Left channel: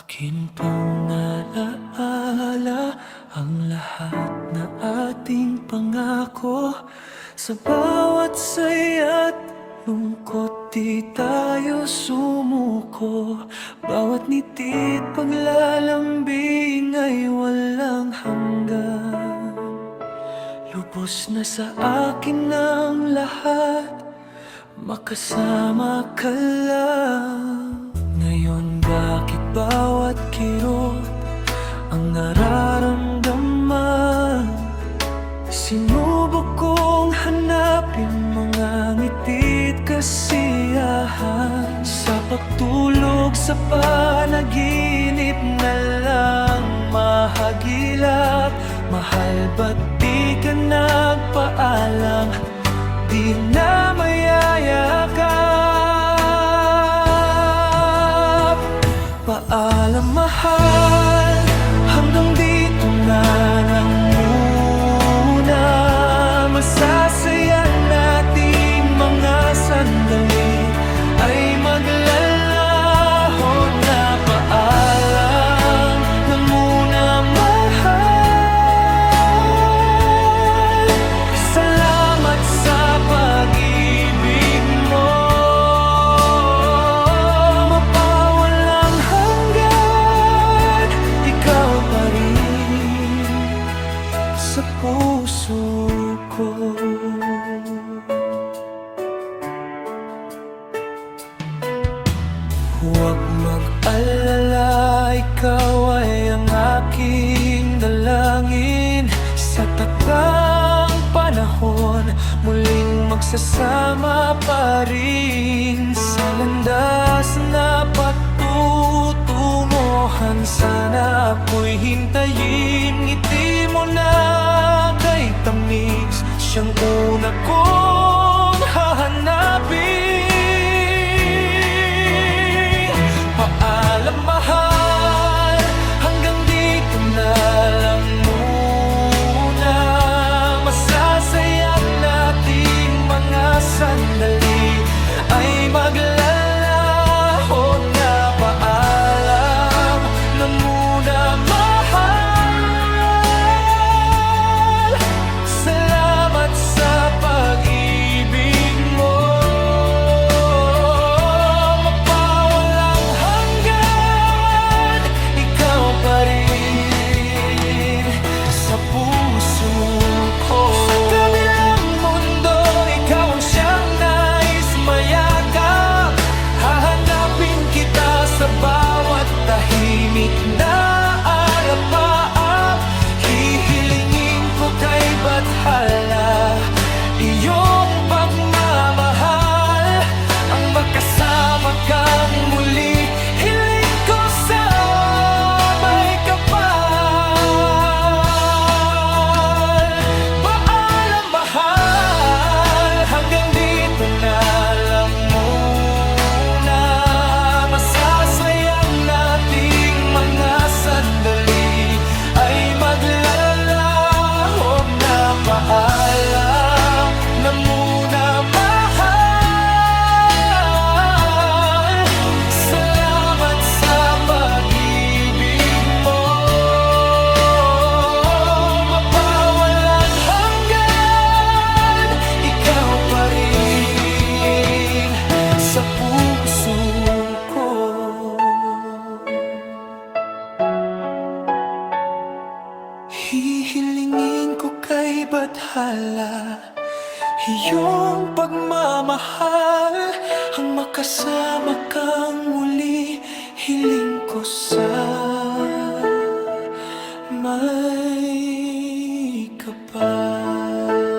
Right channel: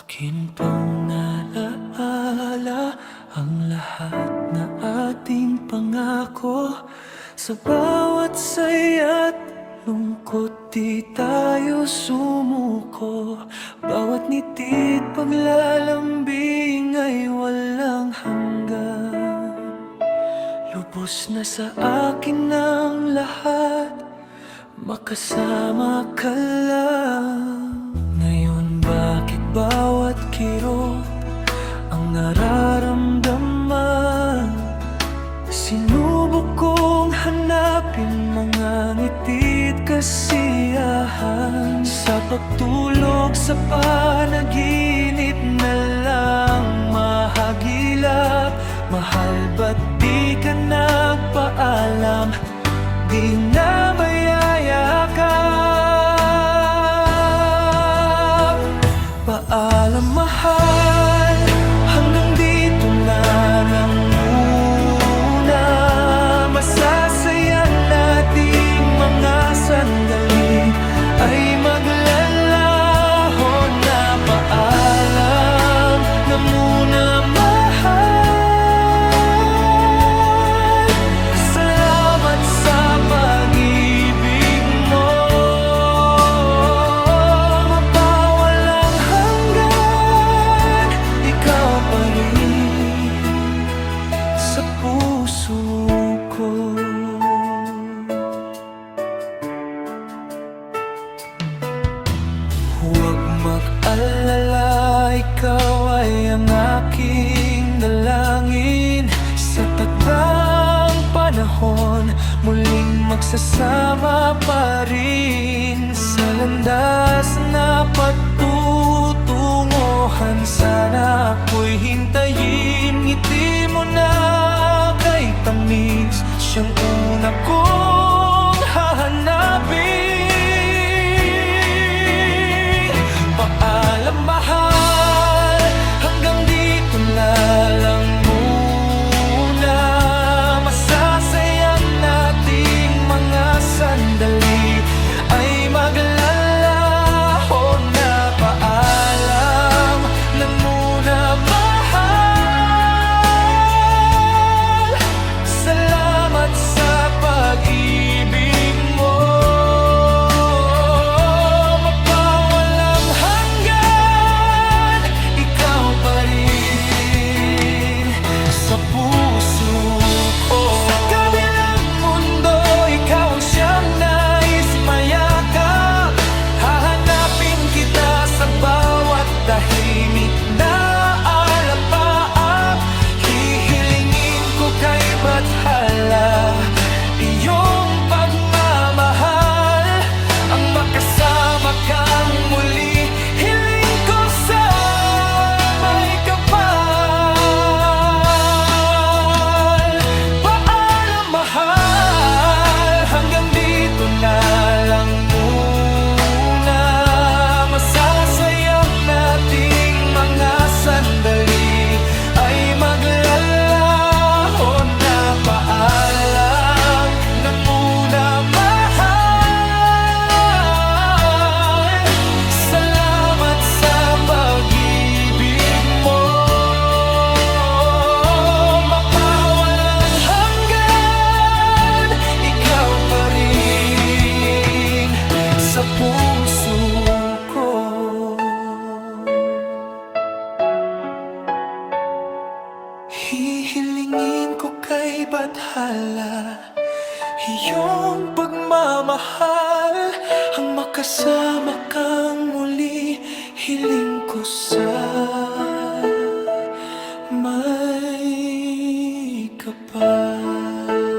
Akin pang nalaala ang lahat na ating pangako. Sa bawat saya't lungkot di tayo sumuko. Bawat niti't paglalambing ay walang hanggan. Lubos na sa akin ang lahat, makasama ka lang. Ngayon bakit bawat kirot ang nararamdaman? Sinubok kong hanapin mga ngiti't kasiyahan. Sa pagtulog sa panaginip na lang mahagilap. Mahal ba't di ka nagpaalam? Di na mayayakap. Paalam mahal, hanggang dito na lang muna. Masasayang nating mga sandali ay maglalaho na. Paalam na muna mahal. Salamat sa pag-ibig mo, mapawalang hanggan. Ikaw pa rin sa puso ko. Huwag mag-alala, ikaw ay ang aking dalangin. Sa takdang panahon, muling magsasama pa rin. Sa landas na patutunguhan, sana ako'y hintayin. Ngiti mo na kay tamis, siyang una kong hahanapin. Paalam mahal, hanggang dito na lang muna. Masasayang nating mga sandali ay maglalaho na. Paalam na muna mahal. Salamat sa pag-ibig mo, mapawalang hanggan. Ikaw pa rin sa puso ko. Sa kabilang mundo, ikaw ang siyang nais mayakap. Hahanapin kita sa bawat tahimik na alapaap. Hihilingin ko kay bathala iyong pagmamahal, ang makasama kang muli. Hiling ko sa may kapal. Paalam mahal, hanggang dito na lang muna. Masasayang nating mga sandali ay maglalaho na. Paalam na muna mahal. Salamat sa pag-ibig mo, mapawalang hanggan. Ikaw pa rin sa puso ko. Hihilingin ko kay bathala iyong pagmamahal, ang makasama kang muli. Hiling ko sa may kapal.